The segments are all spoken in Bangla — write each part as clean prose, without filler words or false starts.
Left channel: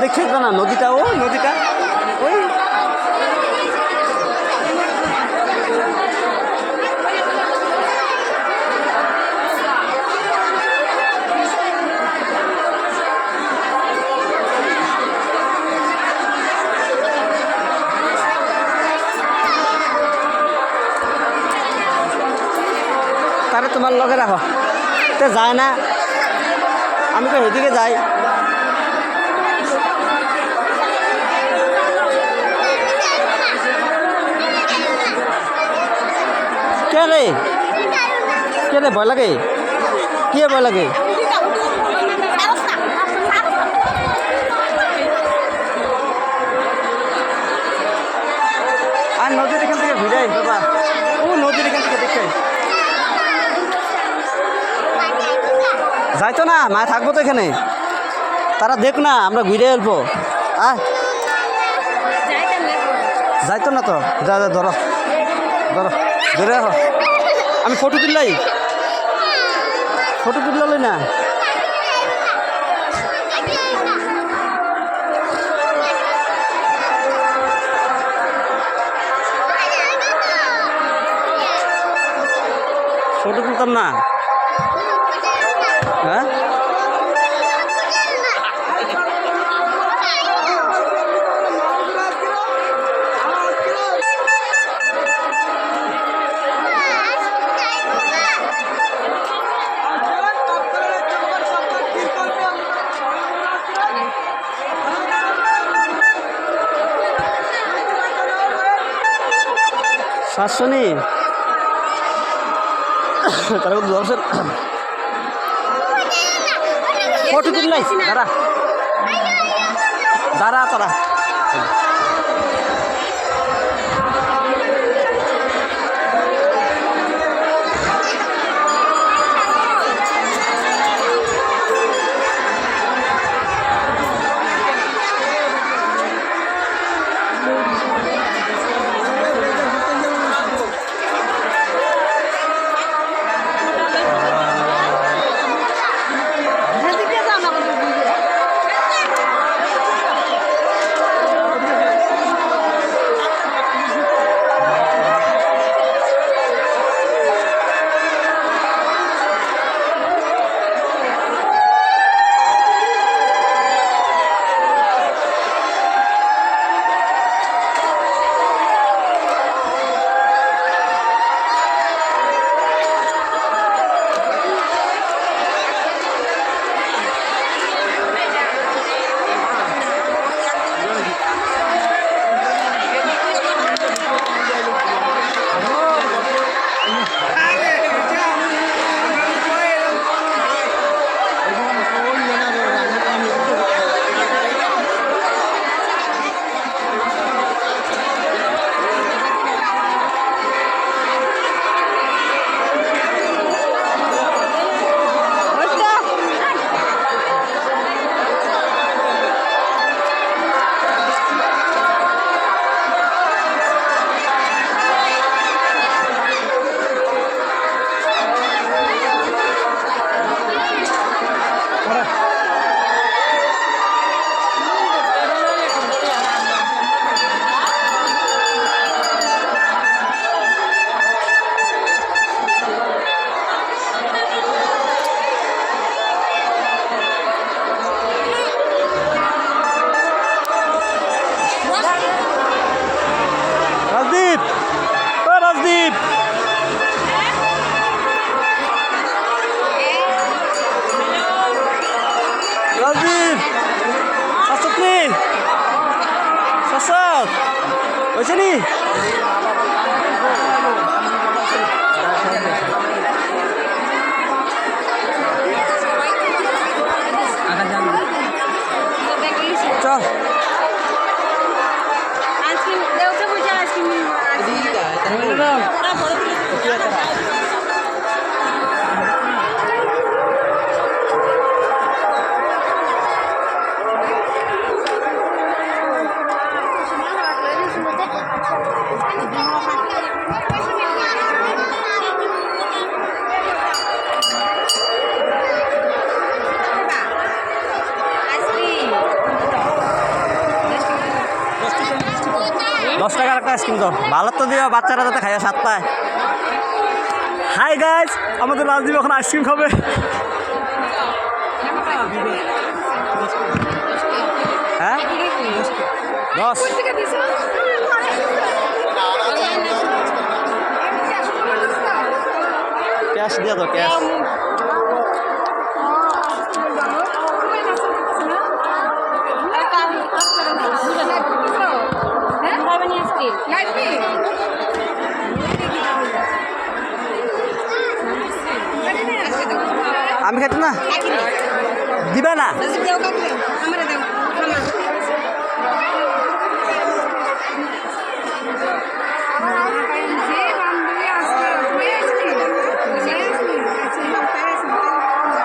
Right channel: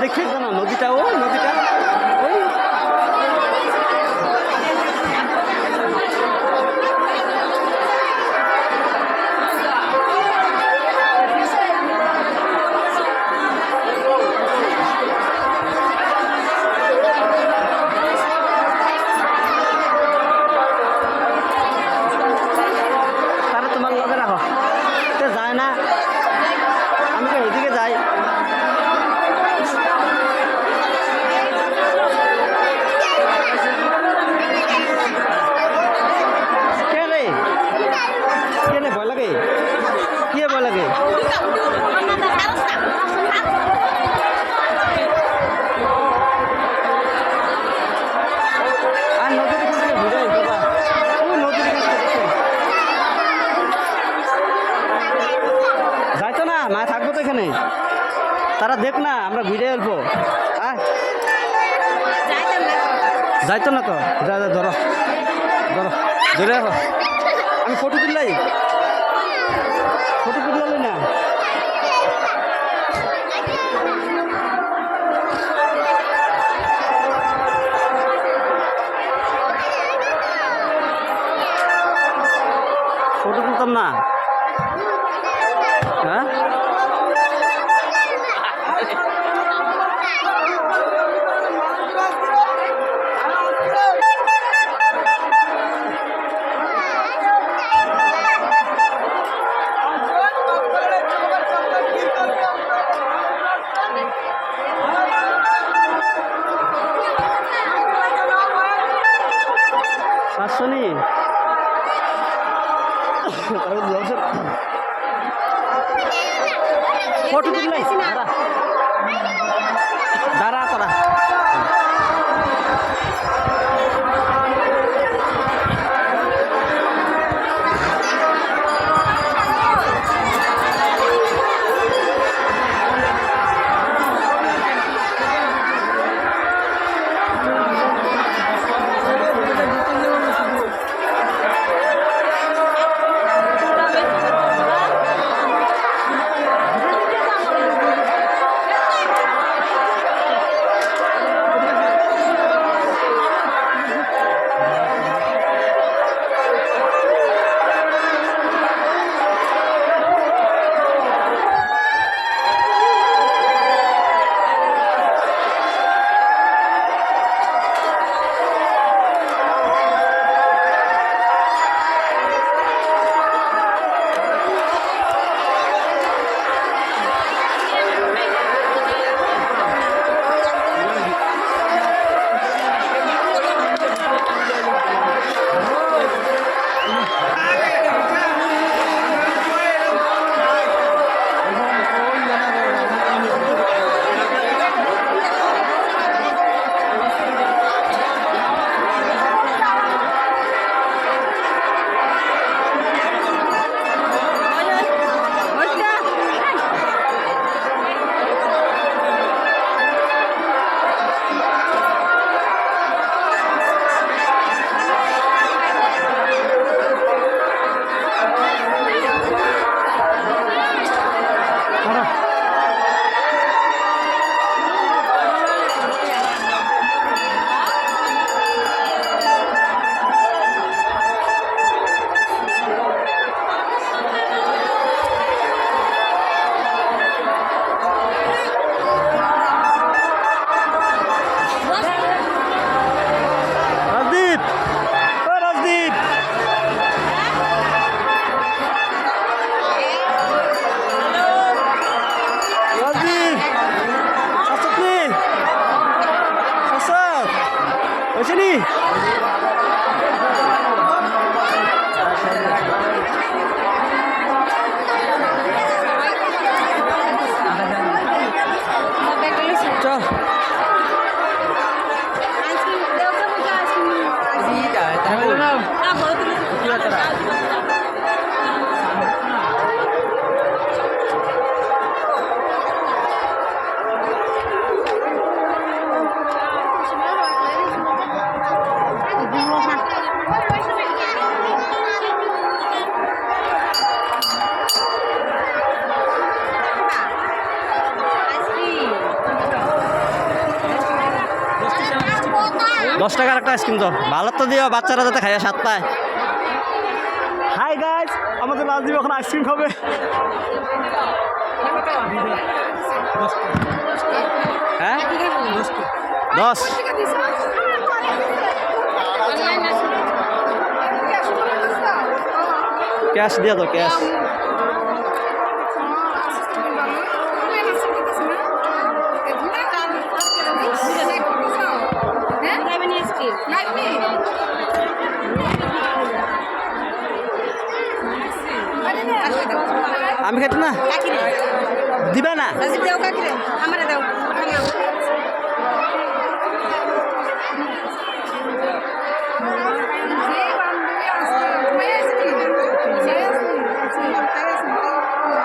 দেখে না নদীটা, ও নদীটা ওই তারা তোমার লগে রাখো, তো যায় না, আমি তো ওইদিকে যাই। কে রে কে রে, ভয় লাগে? কি ভয় লাগে? আর নদীর এখান থেকে ঘুরে বাবা, ও নদীর এখান থেকে দেখে যাইতো না, মা থাকবো তো এখানে, তারা দেখ না, আমরা ঘুরে আসবো। আয় যাইতো না তো, যা যা ধরো ধরো ধরে রাখো, আমি ফটো তুললাই, ফটো তুললাই না। ফটো তুলতাম না, হ্যাঁ শাসনি ফটো তুললাই, দাঁড়া দাঁড়া তোরা। রাজদীপ, ও রাজদীপ, রাজদীপ শাসনি, শাসক হয়েছে নি? চল টাকার একটা আইসক্রিম দাও, ভালো তো দিও, বাচ্চারা যাতে খাইও সাত পায়। হাই গাইজ, আমাদের রাজদীপ এখন আইসক্রিম খাবে। হ্যাঁ 10 ক্যাশ দিয়ে দাও, ক্যাশ। আমি খাইতে না দিবে না।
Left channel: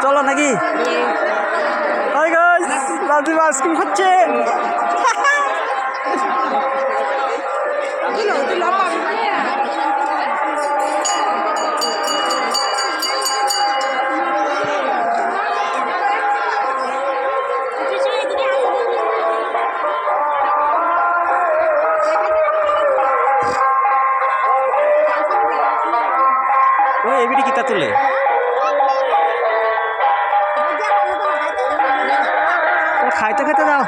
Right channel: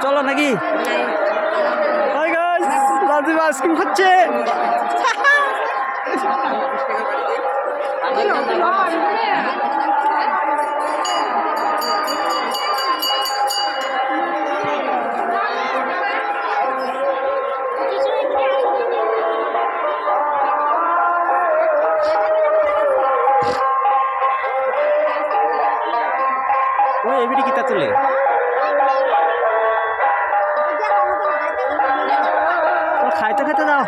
চলো নাকি? হাই গাইস, রাজীব আইসক্রিম খাচ্ছে। ওই এবিটি কিতা তুলে খাইতে খাইতে যাও।